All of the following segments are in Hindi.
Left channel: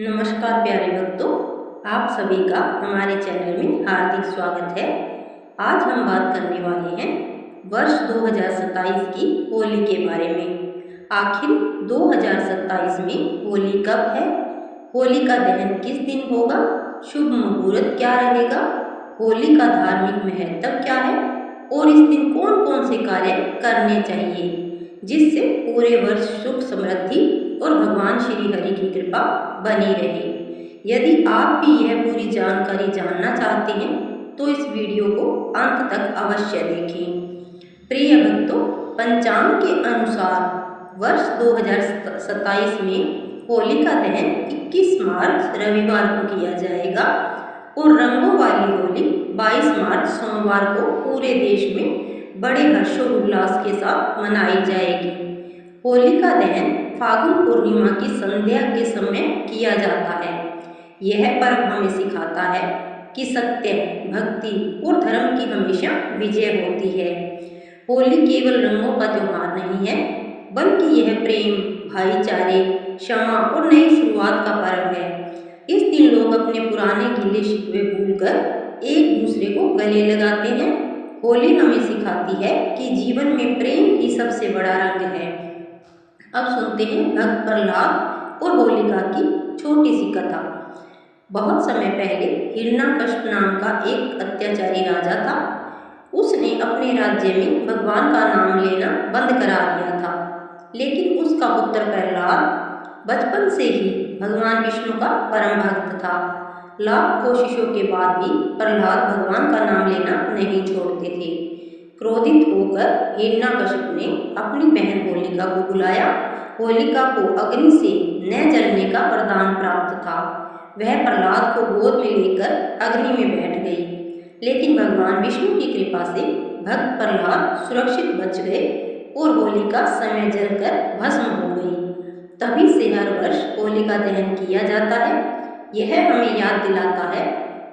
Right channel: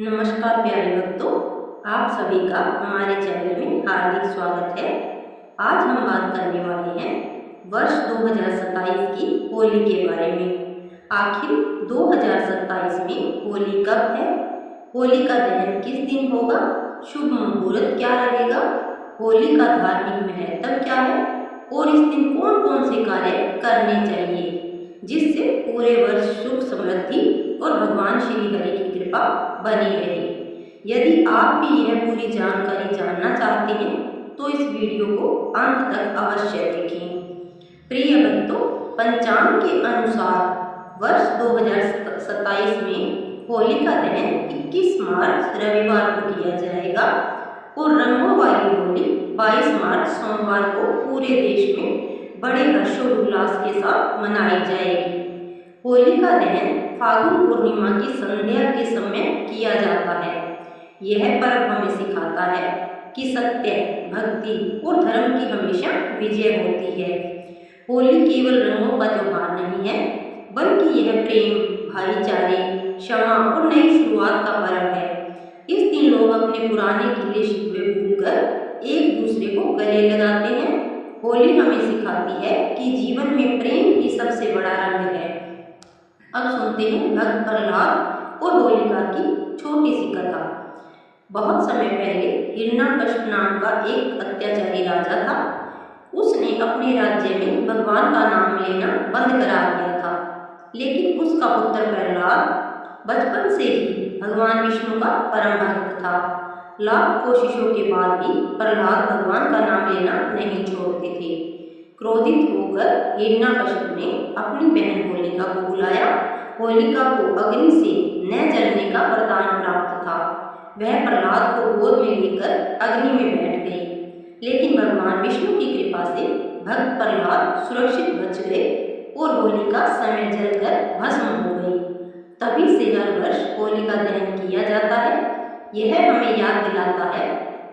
नमस्कार प्यारे भक्तों, आप सभी का हमारे चैनल में हार्दिक स्वागत है। आज हम बात करने वाले हैं वर्ष 2027 की होली के बारे में। आखिर 2027 में होली कब है? होली का दहन किस दिन होगा? शुभ मुहूर्त क्या रहेगा? होली का धार्मिक महत्व क्या है और इस दिन कौन कौन से कार्य करने चाहिए जिससे पूरे वर्ष सुख समृद्धि और भगवान श्री हरि की कृपा बनी रहे। यदि आप भी यह पूरी जानकारी जानना चाहते हैं तो इस वीडियो को अंत तक अवश्य देखें। प्रिय भक्तों, पंचांग के अनुसार वर्ष 2027 में होली का दहन 21 मार्च रविवार को किया जाएगा और रंगों वाली होली 22 मार्च सोमवार को पूरे देश में बड़े हर्षोल्लास के साथ मनाई जाएगी। होली का दहन फागुन पूर्णिमा की संध्या के समय किया जाता है। यह पर्व हमें सिखाता है कि सत्य, भक्ति और धर्म की हमेशा विजय होती है। होली केवल रंगों का त्योहार नहीं है, बल्कि यह प्रेम, भाईचारे, क्षमा और नई शुरुआत का पर्व है। इस दिन लोग अपने पुराने गिले शिकवे भूलकर एक दूसरे को गले लगाते हैं। होली हमें सिखाती है कि जीवन में प्रेम ही सबसे बड़ा रंग है। अब सुनते हैं भक्त प्रहलाद और होलिका की छोटी सी कथा। बहुत समय पहले हिरण्यकश्यप नाम का एक अत्याचारी राजा था। उसने अपने राज्य में भगवान का नाम लेना बंद करा दिया था, लेकिन उसका पुत्र प्रहलाद बचपन से ही भगवान विष्णु का परम भक्त था। लाख कोशिशों के बाद भी प्रहलाद भगवान का नाम लेना नहीं छोड़ते थे। क्रोधित होकर हिरण्यकश्यप ने अपनी बहन होलिका को बुलाया। होलिका को अग्नि से न जलने का वरदान प्राप्त था। वह प्रहलाद को गोद में लेकर अग्नि में बैठ गई, लेकिन भगवान विष्णु की कृपा से भक्त प्रहलाद सुरक्षित बच गए और होलिका समय जलकर भस्म हो गई। तभी से हर वर्ष होलिका दहन किया जाता है। यह हमें याद दिलाता है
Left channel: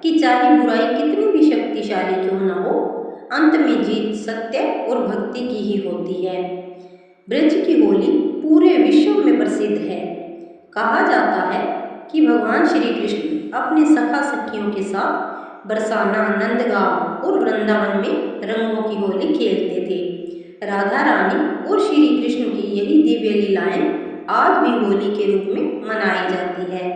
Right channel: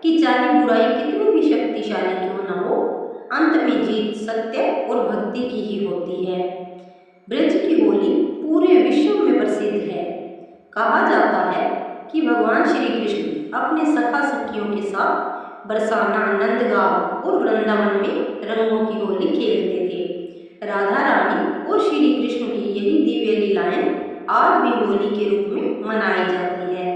कि चाहे बुराई कितनी भी शक्तिशाली क्यों न हो, अंत में जीत सत्य और भक्ति की ही होती है। ब्रज की होली पूरे विश्व में प्रसिद्ध है। कहा जाता है कि भगवान श्री कृष्ण अपने सखा सखियों के साथ बरसाना, नंदगांव और वृंदावन में रंगों की होली खेलते थे। राधा रानी और श्री कृष्ण की यही दिव्य लीलाएं आज भी होली के रूप में मनाई जाती है।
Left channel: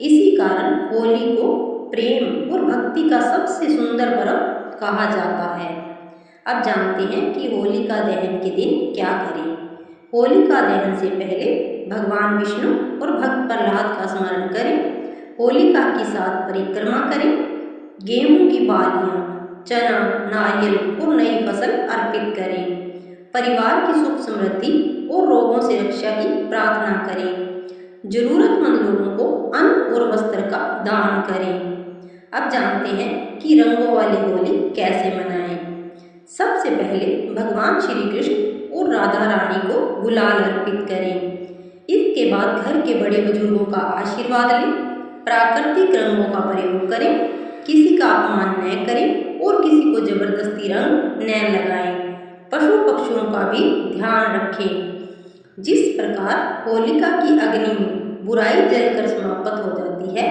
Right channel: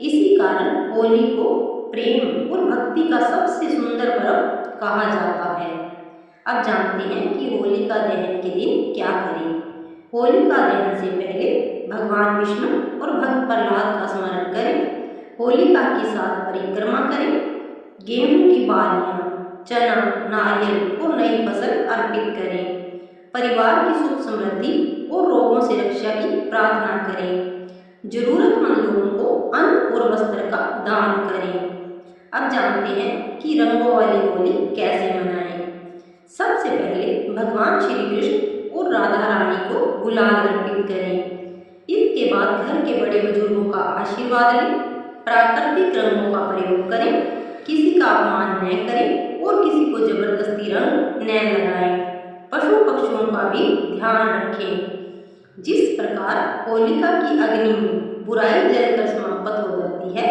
इसी कारण होली को प्रेम और भक्ति का सबसे सुंदर पर्व कहा जाता है। अब जानते हैं कि होलिका दहन के दिन क्या करें। होलिका दहन से पहले भगवान विष्णु और भक्त प्रहलाद का स्मरण करें। होलिका के साथ परिक्रमा करें। गेहूं की बालियां, चना, नारियल और नई फसल अर्पित करें। परिवार की सुख समृद्धि और रोगों से रक्षा की प्रार्थना करें। जरूरतमंद लोगों को अन्न और वस्त्र का दान करें। अब जानते हैं कि रंगों वाली होली कैसे मनाएं। सबसे पहले भगवान श्री कृष्ण और राधा रानी को गुलाल अर्पित करें। इसके बाद घर के बड़े बुजुर्गों का आशीर्वाद लें। प्राकृतिक रंगों का प्रयोग करें। किसी का अपमान न करें और किसी को जबरदस्ती रंग न लगाएं। पशु पक्षियों का भी ध्यान रखें। जिस प्रकार होलिका की अग्नि में बुराई जलकर समाप्त हो जाती है,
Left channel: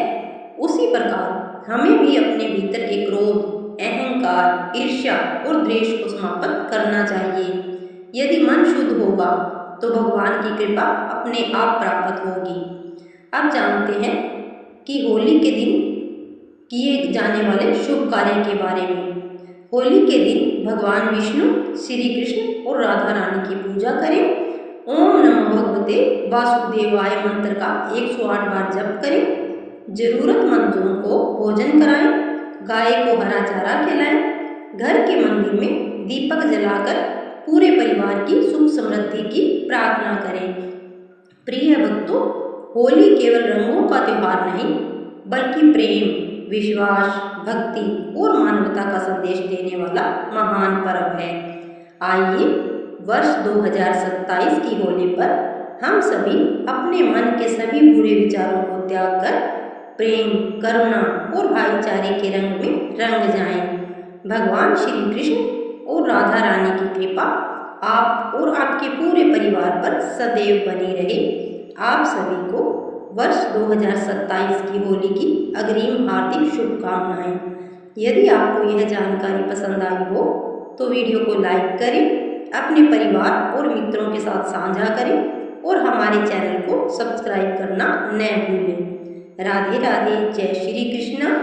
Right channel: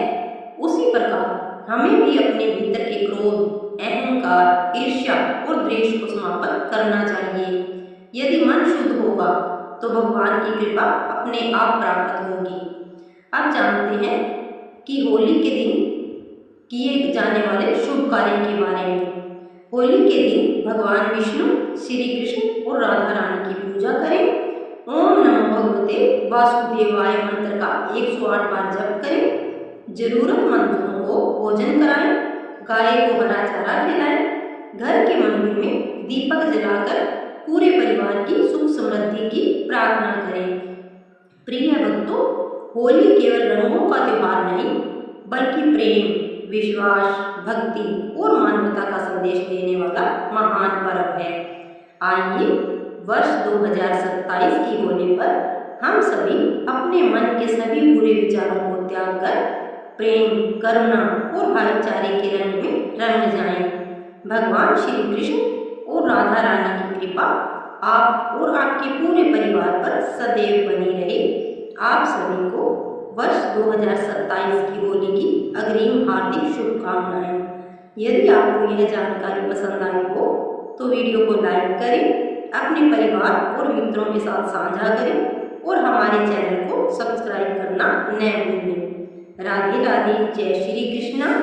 उसी प्रकार हमें भी अपने भीतर के क्रोध, अहंकार, ईर्ष्या और द्वेष को समाप्त करना चाहिए। यदि मन शुद्ध होगा तो भगवान की कृपा अपने आप प्राप्त होगी। अब जानते हैं कि होली के दिन किए जाने वाले शुभ कार्य के बारे में। होली के दिन भगवान विष्णु, श्री कृष्ण और राधा रानी की पूजा करें। ओम नमो भगवते वासुदेवाय मंत्र का 108 बार जप करें। जरूरतमंदों को भोजन कराएं। गाय को हरा चारा खिलाएं। घर के मंदिर में दीपक जलाकर पूरे परिवार की सुख समृद्धि की प्रार्थना करें। प्रिय भक्तों, होली केवल रंगों का त्योहार नहीं, बल्कि प्रेम, विश्वास, भक्ति और मानवता का संदेश देने वाला महान पर्व है। आइए वर्ष 2027 की होली पर हम सभी अपने मन के सभी बुरे विचारों को त्याग कर प्रेम, करुणा और भाईचारे के रंग में रंग जाएं। भगवान श्री कृष्ण और राधा रानी की कृपा आप और आपके पूरे परिवार पर सदैव बनी रहे। आप सभी को वर्ष 2027 की होली की अग्रिम हार्दिक शुभकामनाएं। यदि आपको यह जानकारी पसंद आई हो तो वीडियो को लाइक करें, अपने परिवार और मित्रों के साथ साझा करें और हमारे चैनल को सब्सक्राइब करना न भूलें। राधे राधे, जय श्री कृष्ण।